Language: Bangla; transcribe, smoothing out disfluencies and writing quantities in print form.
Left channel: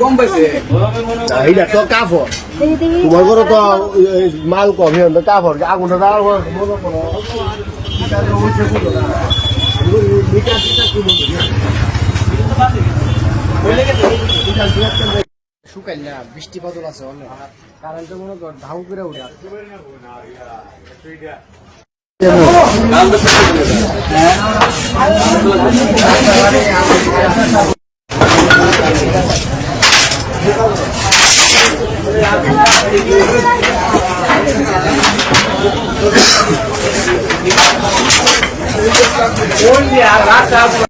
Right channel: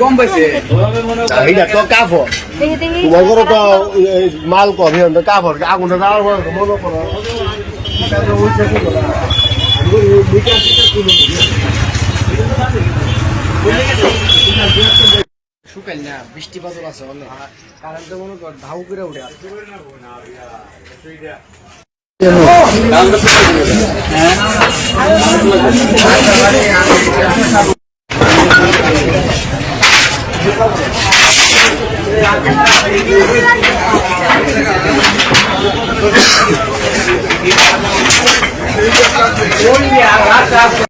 কম পাইছে এইটা তো কাপড় তোমার ঘরে তো মাল কম কাপড় আগুনটা দেওয়ার পর মনে করো শুকাই না বৃষ্টি বাদল আছে কারণ তো মনে কর ধাউ করে ওঠে